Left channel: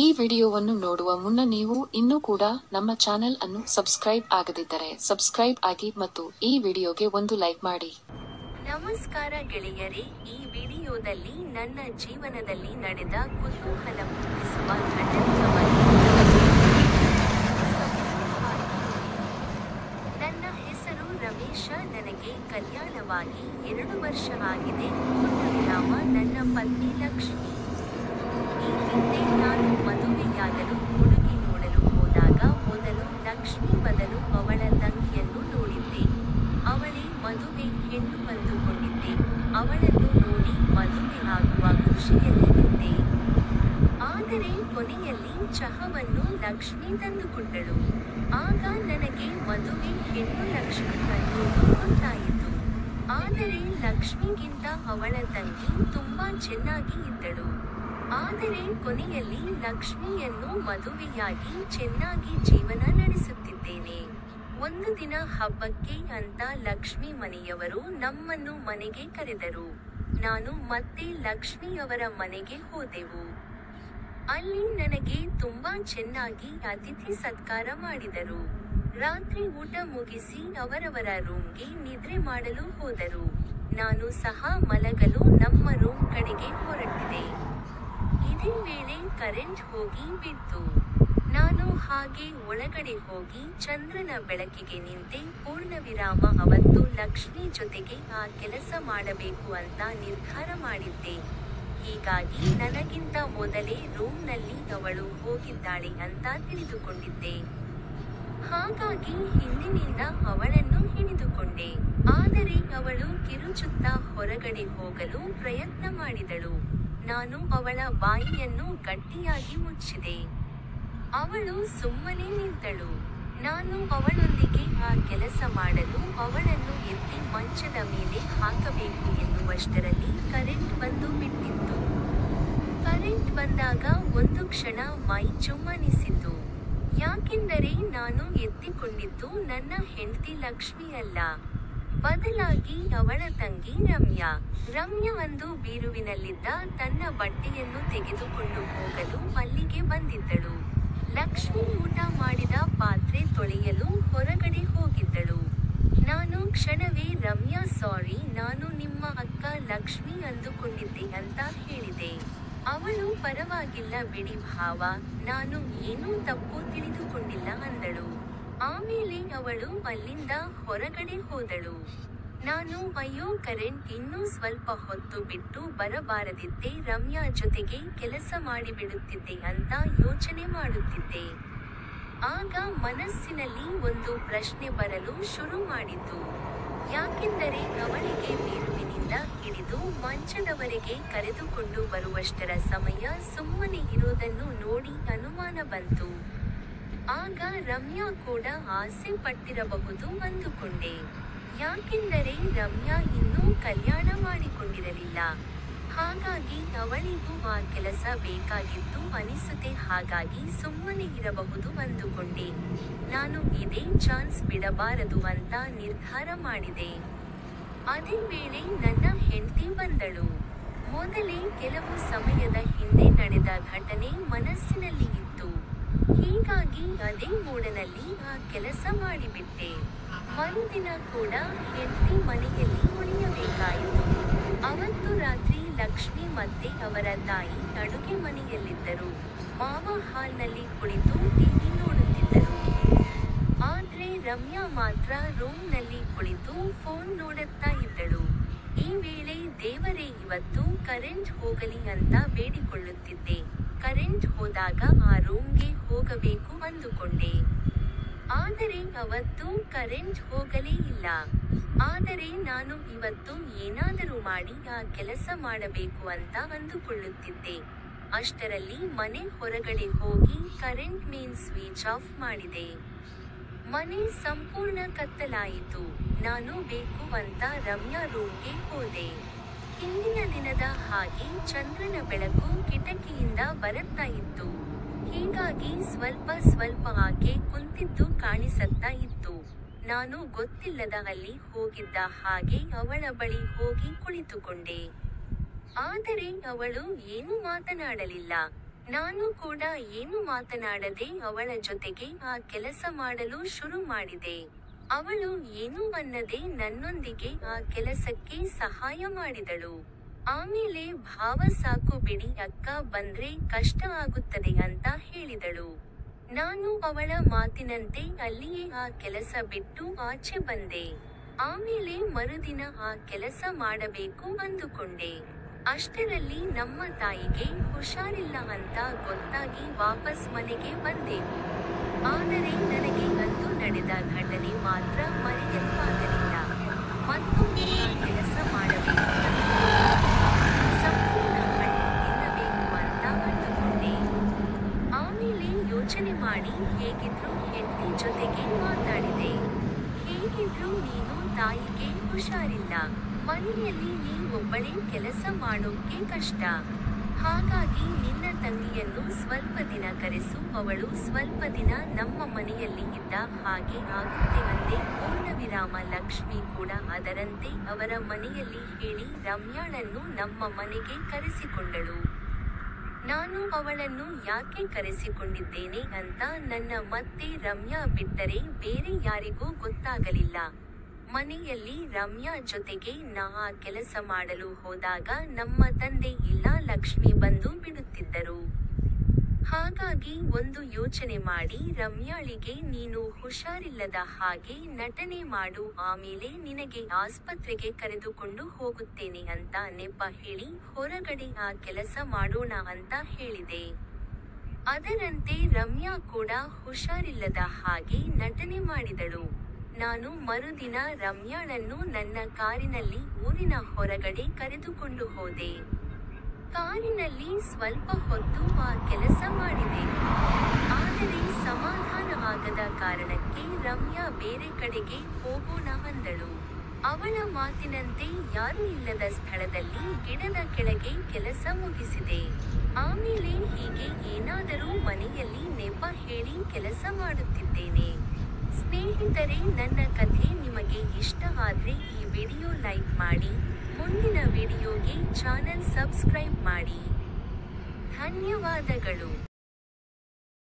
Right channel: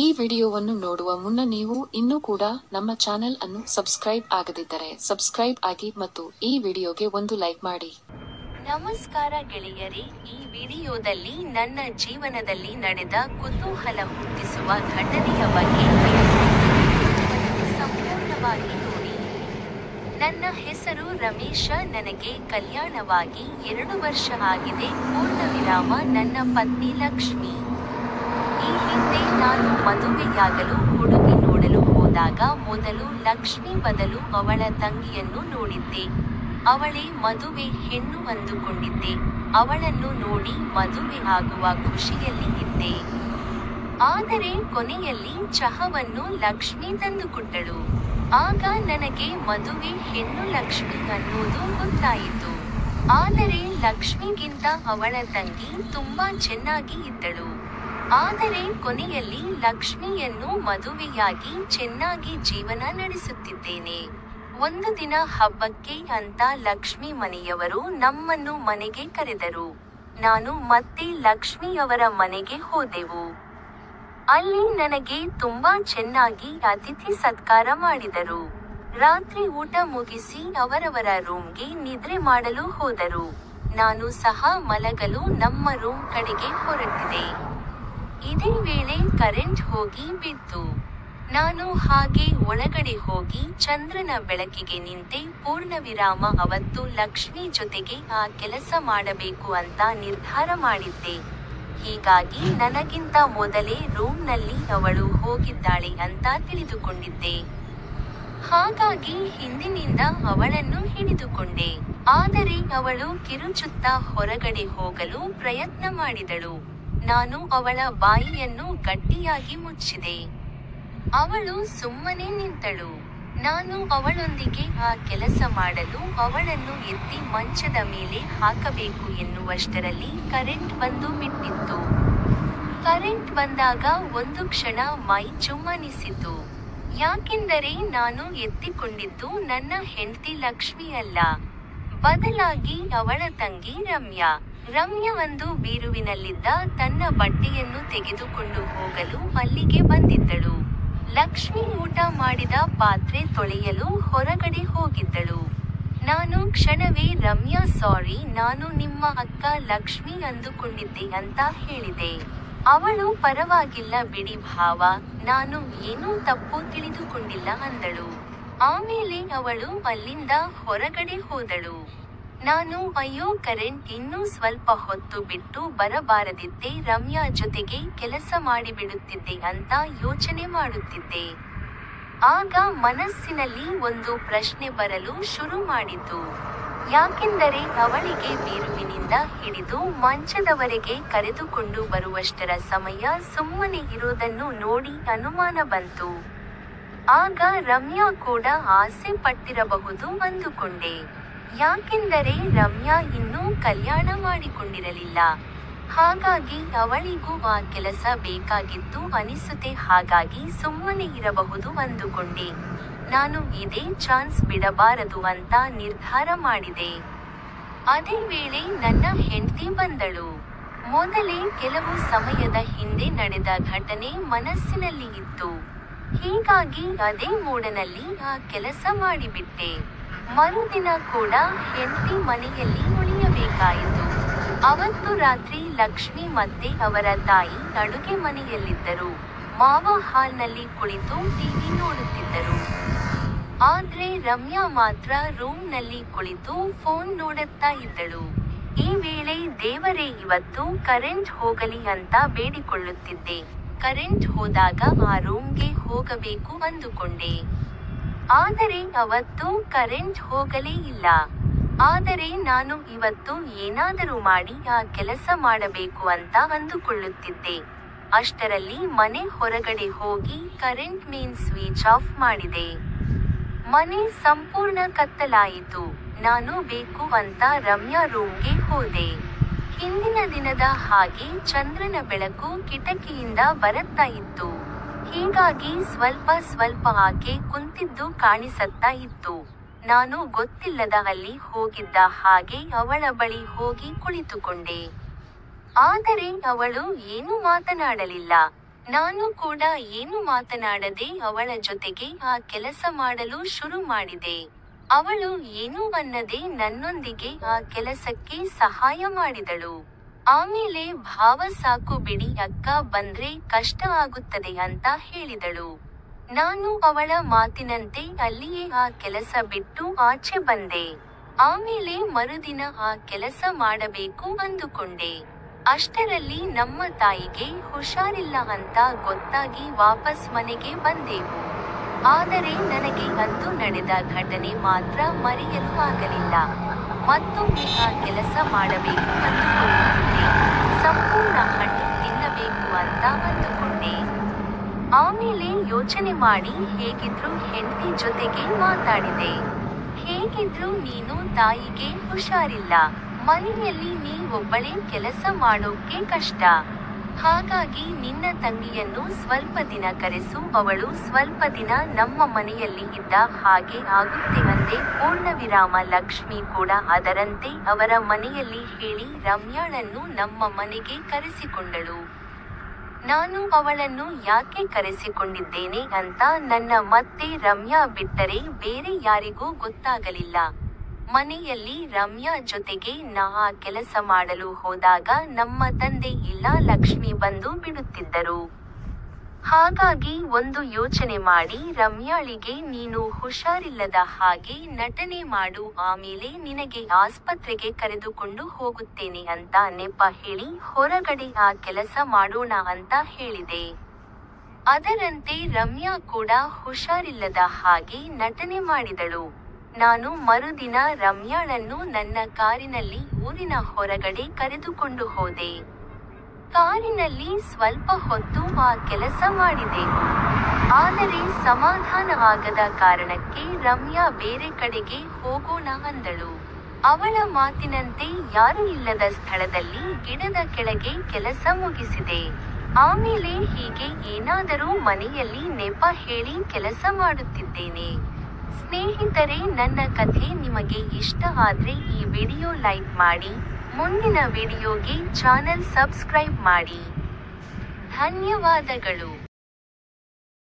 ಈ ವಿಡಿಯೋವನ್ನು ನೋಡುವ ಮುನ್ನ ನೀವು ಇನ್ನೂ ಕೂಡ ನಮ್ಮ ಚಾನೆಲ್ ಅನ್ನು ಸಬ್ಸ್ಕ್ರೈಬ್ ಆಗದಿದ್ದರೆ ಸಬ್ಸ್ಕ್ರೈಬ್ ಆಗಿ ಮತ್ತು ಈ ವಿಡಿಯೋಗೆ ಒಂದು ಲೈಕ್ ಮಾಡಿ. ನಮಸ್ಕಾರ ಗೆಳೆಯರೇ, ಈ ವಿಡಿಯೋದಲ್ಲಿ ನನ್ನ ಜೀವನದಲ್ಲಿ ನಡೆದ ಕುತೂಹಲ ಹುಟ್ಟಿಸುವ ಘಟನೆಯ ಬಗ್ಗೆ ಸಂಪೂರ್ಣವಾಗಿ ನೋಡಿ. ನನ್ನ ಹೆಸರು ರಮೇಶ. ನನಗೆ ಕಲ್ಯಾಣವಾಗಿ 2 ವರ್ಷ ಆಗಿದೆ. ಪೂರ್ಣವಿರಾಮ. ನನ್ನ ಪತ್ನಿ ಲಕ್ಷ್ಮಿ. ಈ ಹಿಂದೆ ನಾನು ಮದುವೆಯಾಗಲು ಹುಡುಗಿ ನೋಡಲು ಹೋದಾಗ ಮೊದಲು ಲಕ್ಷ್ಮಿ ಬದಲು ಅವಳ ತಂಗಿಯನ್ನು ನೋಡಿದ್ದೆ. ಅವಳೇ ಮದುವೆ ಹೆಣ್ಣು ಅಂದುಕೊಂಡಿದ್ದೆ. ಅವಳನ್ನು ನೋಡಿ ಮದುವೆ ಆಗುವ ಖುಷಿಯಲ್ಲಿ ಇದ್ದೆ. ಆದರೆ ಕೊನೆಯಲ್ಲಿ ಚಹವನ್ನು ಲಕ್ಷ್ಮಿ ತಂದುಕೊಟ್ಟಳು. ಆಗ ನನಗೆ ಮದುವೆ ಹೆಣ್ಣು ಲಕ್ಷ್ಮಿ ಅನ್ನೋದು ಗೊತ್ತಾಯಿತು. ಆದರೆ ಲಕ್ಷ್ಮಿಗಿಂತ ಅವಳ ತಂಗಿ ತುಂಬಾ ಚೆನ್ನಾಗಿ ಇದ್ದಳು. ಆದರೆ ಕೊನೆಯಲ್ಲಿ ಲಕ್ಷ್ಮಿಯನ್ನು ಮದುವೆಯಾಗಿ ಚೆನ್ನಾಗಿ ಜೀವನ ನಡೆಸುತ್ತಿದ್ದೇನೆ. ಒಂದು ದಿನ ಹಬ್ಬಕ್ಕೆ ಅಂತ ಲಕ್ಷ್ಮಿ ಮನೆಯವರು ನಮ್ಮನ್ನು ಮನೆಗೆ ಕರೆದರು. ನಾನು ಮತ್ತೆ ಲಕ್ಷ್ಮಿಯವರ ಮನೆಗೆ ಹೋದೆವು. ಅಲ್ಲಿ ನನಗೆ ತುಂಬಾ ಚೆನ್ನಾಗಿ ಅತಿಥಿ ಸತ್ಕಾರ ಮಾಡಿದರು. ರಾತ್ರಿ ಊಟ ಮುಗಿಸಿ ಅವರವರ ರೂಮ್ಗೆ ನಿದ್ರೆ ಮಾಡಲು ಹೋದರು. ನಾನು ಸಹ ಮಲಗಲು ನಮ್ಮ ರೂಮ್ ಕಡೆಗೆ ಹೊರಟಿದೆ. ಇದೇ ವೇಳೆ ಕರೆಂಟ್ ಹೋಗಿ ಬಿತ್ತು. ನಾನು ಹಾಗೆ ಒಳಗಡೆ ಹೋಗಿ ಚಂದ್ರನ ಬೆಳಕಿಗೆ ನಿಂತೆ. ಪೂರ್ಣವಿರಾಮ. ಅವತ್ತು ಲಕ್ಷ್ಮಿ ಜೊತೆಗೆ ಆ ಕೆಲಸ ಮಾಡಬೇಕು ಅಂತ ನಿರ್ಧಾರ ಮಾಡಿದ್ದೆ. ಹೀಗಾಗಿ ನನಗಿಂತ ಮೊದಲೇ ರೂಮ್ನಲ್ಲಿ ಅವಳು ಹೋಗಿದ್ದಾಳೆ ಅಂತ ತಿಳಿದುಕೊಂಡಿದ್ದೆ. ಹಾಗಾಗಿ ಹಿಂದಿನಿಂದ ಅವಳನ್ನು ಹಿಡಿದುಕೊಂಡೆ. ಆದರೆ ಅವಳು ಕಿರುಚುತ್ತಾ ಹೊರಗಡೆ ಹೋಗಲು ಪ್ರಯತ್ನ ಮಾಡಿದಳು. ನಾನು ಅವಳ ಬಾಯಿಯನ್ನು ಗಟ್ಟಿಯಾಗಿ ಮುಚ್ಚಿದೆ. ಅವಳು ಸುಮ್ಮನೆ ನಿಂತಳು. ನಾನು ಅವಳೊಂದಿಗೆ ಆ ಕೆಲಸ ಮಾಡಲು ಅವಳನ್ನು ಎತ್ತಿ ಮಂಚದ ಮೇಲೆ ಹಾಕಬೇಕು ಎನ್ನುವಷ್ಟರಲ್ಲಿ ಕರೆಂಟ್ ಬಂದು ಬಿಟ್ಟಿತ್ತು. ಕರೆಂಟ್ ಬಂದಾಗ ಒಂದು ಕ್ಷಣ ಮೈ ಜುಮ್ಮನಿಸಿತು. ಯಾಕೆಂದರೆ ನಾನು ಎತ್ತಿಕೊಂಡಿದ್ದು ನನ್ನ ಹೆಂಡತಿ ಲಕ್ಷ್ಮಿ ಅಲ್ಲ, ಬದಲಾಗಿ ಅವಳ ತಂಗಿ ರಮ್ಯಾ. ರಮ್ಯಾ ಒಂದು ಬೀರುವಿನಲ್ಲಿದ್ದ ತನ್ನ ಬಟ್ಟೆಯನ್ನು ತೆಗೆದುಕೊಂಡು ಹೋಗಲು ಅಲ್ಲಿಗೆ ಬಂದಿದ್ದಳು. ಲಕ್ಷ್ಮಿ ಊಟ ಮಾಡಿದ ಪಾತ್ರೆ ತೊಳೆಯಲು ಹೊರಗಡೆ ಹೋಗಿದ್ದಳು. ನಾನು ಕ್ಷಣವೇ ರಮ್ಯಾ, ಸಾರಿ, ನಾನು ನಿಮ್ಮ ಅಕ್ಕ ಲಕ್ಷ್ಮಿ ಅಂದುಕೊಂಡಿದ್ದೆ ಅಂತ ಹೇಳಿದೆ. ಅವಳು ಪರವಾಗಿಲ್ಲ ಬಿಡಿ ಭಾವ, ನಾನು ಏನೂ ತಪ್ಪು ತಿಳಿದುಕೊಂಡಿಲ್ಲ ಅಂದಳು. ಆಮೇಲೆ ಅವಳು ಅಲ್ಲಿಂದ ಹೊರಗಡೆ ಹೋದಳು. ನಾನು ಅಯ್ಯೋ, ಕರೆಂಟ್ ಇನ್ನೂ ಸ್ವಲ್ಪ ಹೊತ್ತು ಬಿಟ್ಟು ಬರಬಾರದಿತ್ತೆ, ರಮ್ಯಾ ಜೊತೆಗೆ ಕೆಲಸ ಮಾಡಿಬಿಡುತ್ತಿದ್ದೆ ಅಂತ ಯೋಚನೆ ಮಾಡುತ್ತಿದ್ದೆ. ಆಗ ಮನಸ್ಸಿನಲ್ಲಿ ಒಂದು ಪ್ರಶ್ನೆ ಬರಲು ಶುರು ಮಾಡಿತು. ಯಾಕೆಂದರೆ ಅವಳಿಗೆ ಬೀರುವಿನಿಂದ ಹಿಡಿದು ಮಂಚದವರೆಗೆ ಕರೆದುಕೊಂಡು ಬರುವಷ್ಟರ ಸಮಯ ಸುಮ್ಮನೆ ಇರೋದನ್ನು ನೋಡಿ ಅನುಮಾನ ಬಂತು. ಆಗ ರಮ್ಯಾ ಕೂಡ ಆಸೆ ಪಟ್ಟಿರಬಹುದು ಅಂದುಕೊಂಡೆ. ಯಾಕೆಂದರೆ ರಮ್ಯಾ ಇನ್ನೂ ಕಲ್ಯಾಣ ಮಾಡಿಕೊಂಡಿರಲಿಲ್ಲ. ಹಾಗಾಗಿ ಅವಳಿಗೂ ಆ ಕೆಲಸ ಬೇಕಾಗಿತ್ತು ಅನಿಸುತ್ತೆ. ಹಾಗಾಗಿ ಸುಮ್ಮನೆ ಇರಬಹುದು ಅಂದುಕೊಂಡೆ. ನಾನು ಇದೇ ಚಾನ್ಸ್ ಬಿಡಬಾರದು ಅಂತ ನಿರ್ಧಾರ ಮಾಡಿದೆ. ಅದೇ ವೇಳೆ ನನ್ನ ಹೆಂಡತಿ ಬಂದಳು. ಮೊದಲೇ ಕೆಲವು ಸಮಯದ ಹಿಂದೆ ನಡೆದ ಘಟನೆ ಮನಸ್ಸಿನಲ್ಲಿ ಇತ್ತು. ಹೀಗಾಗಿ ಅದೇ ಮೂಡನಲ್ಲಿ ಆ ಕೆಲಸ ಮಾಡಿಬಿಟ್ಟೆ. ಮರುದಿನ ಕೂಡ ಹೆಂಡತಿ ಮನೆಯಲ್ಲಿ ಉಳಿಯಬೇಕಾಯಿತು. ಅವತ್ತು ರಾತ್ರಿ ಲಕ್ಷ್ಮಿ ಮತ್ತೆ ಅವರ ತಾಯಿ ಅಡುಗೆ ಮನೆಯಲ್ಲಿದ್ದರು. ಮಾವ ಹಾಲ್ನಲ್ಲಿ ಕುಳಿತು ಟಿವಿ ನೋಡುತ್ತಿದ್ದರು. ಆದ್ರೆ ರಮ್ಯಾ ಮಾತ್ರ ರೂಮ್ನಲ್ಲಿ ಕುಳಿತು ಫೋನ್ ನೋಡುತ್ತಾ ಇದ್ದಳು. ಈ ವೇಳೆ ದೇವರೇ, ಇವತ್ತು ಕರೆಂಟ್ ಹೋಗಲಿ ಅಂತ ಬೇಡಿಕೊಳ್ಳುತ್ತಿದ್ದೆ. ಕರೆಂಟ್ ಹೋದಾಗ ಆ ರೂಮ್ಗೆ ಹೋಗಬೇಕು ಅಂದುಕೊಂಡೆ. ಆದರೆ ಅವತ್ತು ಕರೆಂಟ್ ಹೋಗಲೇ ಇಲ್ಲ. ಆದರೆ ನಾನು ಇವತ್ತು ಏನಾದರೂ ಮಾಡಿ ಆ ಕೆಲಸ ಮಾಡಬೇಕು ಅಂತ ಅಂದುಕೊಳ್ಳುತ್ತಿದ್ದೆ. ಅಷ್ಟರಲ್ಲಿ ಮನೆ ಹೊರಗಡೆ ಹೋಗಿ ಕರೆಂಟ್ ಮೇನ್ ಸ್ವಿಚ್ ಆಫ್ ಮಾಡಿದೆ. ಮನೆ ಸಂಪೂರ್ಣ ಕತ್ತಲಾಯಿತು. ನಾನು ಬೇಕು ಅಂತ ರಮ್ಯಾ ರೂಮ್ಗೆ ಹೋದೆ. ಹಿಂದಿನ ದಿನದ ಹಾಗೆ ಚಂದ್ರನ ಬೆಳಕು ಕಿಟಕಿಯಿಂದ ಬರುತ್ತಾ ಇತ್ತು. ಹೀಗಾಗಿ ಸ್ವಲ್ಪ ಸ್ವಲ್ಪ ಆಕೆ ಕುಂತಿದ್ದು ಕಾಣಿಸತ್ತಾ ಇತ್ತು. ನಾನು ಗೊತ್ತಿಲ್ಲದ ಅಲ್ಲಿ ಹೋಗಿದ್ದ ಹಾಗೆ ಅವಳ ಬಳಿ ಹೋಗಿ ಕುಳಿತುಕೊಂಡೆ. ಆದರೆ ಅವಳು ಏನೂ ಮಾತನಾಡಲಿಲ್ಲ. ನಾನು ಕೂಡ ಏನು ಮಾತನಾಡದೆ ಅವಳ ಜೊತೆಗೆ ಆ ಕೆಲಸ ಮಾಡಲು ಶುರು ಮಾಡಿದೆ. ಅವಳು ಏನೂ ಅನ್ನದೆ ನನ್ನೊಂದಿಗೆ ಆ ಕೆಲಸಕ್ಕೆ ಸಹಾಯ ಮಾಡಿದಳು. ಆಮೇಲೆ ಭಾವ ಸಾಕು ಬಿಡಿ ಅಕ್ಕ, ಬಂದ್ರೆ ಕಷ್ಟ ಆಗುತ್ತದೆ ಅಂತ ಹೇಳಿದಳು. ನಾನು ಅವಳ ಮಾತಿನಂತೆ ಅಲ್ಲಿಯೇ ಆ ಕೆಲಸ ಬಿಟ್ಟು ಆಚೆ ಬಂದೆ. ಆಮೇಲೆ ಮರುದಿನ ಆ ಕೆಲಸ ಮಾಡಬೇಕು ಅಂದುಕೊಂಡೆ. ಅಷ್ಟರಲ್ಲಿ ನಮ್ಮ ತಾಯಿಗೆ ಹುಷಾರಿಲ್ಲ ಅಂತ ಗೊತ್ತಾಗಿ ವಾಪಸ್ ಮನೆಗೆ ಬಂದೆವು. ಆದರೆ ನನಗೆ ಅಂದು ನಡೆದ ಘಟನೆ ಮಾತ್ರ ಮರೆಯಲು ಆಗಲಿಲ್ಲ. ಮತ್ತೊಮ್ಮೆ ಆ ಕೆಲಸ ಮಾಡಬೇಕು ಅಂದುಕೊಂಡಿದ್ದೆ. ಸಂಪೂರ್ಣ ಹಣ್ಣು ತಿನ್ನಬೇಕು ಅಂತ ಅಂದುಕೊಂಡೆ. ಆಮೇಲೆ ಯೋಚನೆ ಮಾಡಿ ಹೇಗಿದ್ರು ಹೆಂಡತಿ ಜೊತೆಗೆ ಮಾತಾಡಿದೆ. ಹೇಗಿದ್ರು ನೀನು ತಾಯಿಗೆ ಹುಷಾರಿಲ್ಲ, ಮನೆಯಲ್ಲಿ ನೀ ಒಬ್ಬಳೇ ಕೆಲಸ ಮಾಡೋಕೆ ಕಷ್ಟ. ಹಾಗಾಗಿ ನಿನ್ನ ತಂಗಿಯನ್ನು ಸ್ವಲ್ಪ ದಿನ ಕರೆಸು, ಅವಳು ಸ್ವಲ್ಪ ದಿನ ನಮ್ಮ ಮನೆಯಲ್ಲಿ ಇದ್ದ ಹಾಗೆ ಆಗುತ್ತೆ ಅಂದೆ. ಪೂರ್ಣವಿರಾಮ. ಲಕ್ಷ್ಮಿ ಕೂಡ ಅದರಂತೆ ಅವರ ಮನೆಯಲ್ಲಿ ಹೇಳಿ ರಮ್ಯಾಳನ್ನು ನಮ್ಮ ಮನೆಗೆ ಕರೆಸಿಕೊಂಡಳು. ನಾನು ಅವಳನ್ನು ಯಾಕೆ ಕರೆಸಿಕೊಂಡಿದ್ದೇನೆ ಅಂತ ನನ್ನ ಮತ್ತೆ ರಮ್ಯಾ ಬಿಟ್ಟರೆ ಬೇರೆ ಯಾರಿಗೂ ಗೊತ್ತಾಗಲಿಲ್ಲ. ಮನೆಯಲ್ಲಿ ರಮ್ಯಾ ಜೊತೆಗೆ ನಾ ಆ ಕೆಲಸ ಮಾಡಲು ಹೋದಾಗ ನಮ್ಮ ತಂದೆ ಇಲ್ಲ ಲಕ್ಷ್ಮಿ ಬಂದು ಬಿಡುತ್ತಿದ್ದರು. ಹಾಗಾಗಿ ಒಂದು ಯೋಚನೆ ಮಾಡಿ ರಮ್ಯಾಳಿಗೆ ನೀನು ಹುಷಾರಿಲ್ಲದ ಹಾಗೆ ನಟನೆ ಮಾಡು, ಆಮೇಲೆ ನಿನಗೆ ಆಸ್ಪತ್ರೆಗೆ ಕರೆದುಕೊಂಡು ಹೋಗುತ್ತೇನೆ ಅಂತ ನೆಪ ಹೇಳಿ ಹೊರಗಡೆ ಆ ಕೆಲಸ ಮಾಡೋಣ ಅಂತ ಹೇಳಿದೆ. ಅದರಂತೆ ರಮ್ಯಾ ಕೂಡ ಹುಷಾರಿಲ್ಲದ ಹಾಗೆ ನಟನೆ ಮಾಡಿದಳು. ನಾನು ಮರುದಿನ ರಮ್ಯಾಳನ್ನು ನನ್ನ ಕಾರಿನಲ್ಲಿ ಊರಿನ ಹೊರಗಡೆ ಕರೆದುಕೊಂಡು ಹೋದೆ. ಕಾರಿನಲ್ಲಿ ಸ್ವಲ್ಪ ಹೊತ್ತು ಆ ಕೆಲಸ ಮಾಡಿದೆವು. ಆದರೆ ಸಮಾಧಾನ ಆಗದ ಕಾರಣಕ್ಕೆ ರಮ್ಯಾ ಬೇರೆ ಕಡೆಗೆ ಹೋಗೋಣ ಅಂದಳು. ಅವಳ ಮಾತಿನಂತೆ ಯಾರೂ ಇಲ್ಲದ ಸ್ಥಳದಲ್ಲಿ ಗಿಡದ ಕೆಳಗೆ ಕೆಲಸ ಮುಗಿಸಿದೆ. ಆಮೇಲೆ ಹೀಗೆ ಏನಾದರೂ ಮನೆಯಲ್ಲಿ ನೆಪ ಹೇಳಿ ಕೆಲಸ ಮಾಡುತ್ತಿದ್ದೇನೆ. ಸ್ನೇಹಿತರೆ, ನನ್ನ ಕಥೆ ನಿಮಗೆ ಇಷ್ಟ ಆದ್ರೆ ಈ ವಿಡಿಯೋ ಲೈಕ್ ಮಾಡಿ, ಮುಂದಿನ ವಿಡಿಯೋಗೆ ಚಾನೆಲ್ ಸಬ್ಸ್ಕ್ರೈಬ್ ಮಾಡಿ. ಧನ್ಯವಾದಗಳು.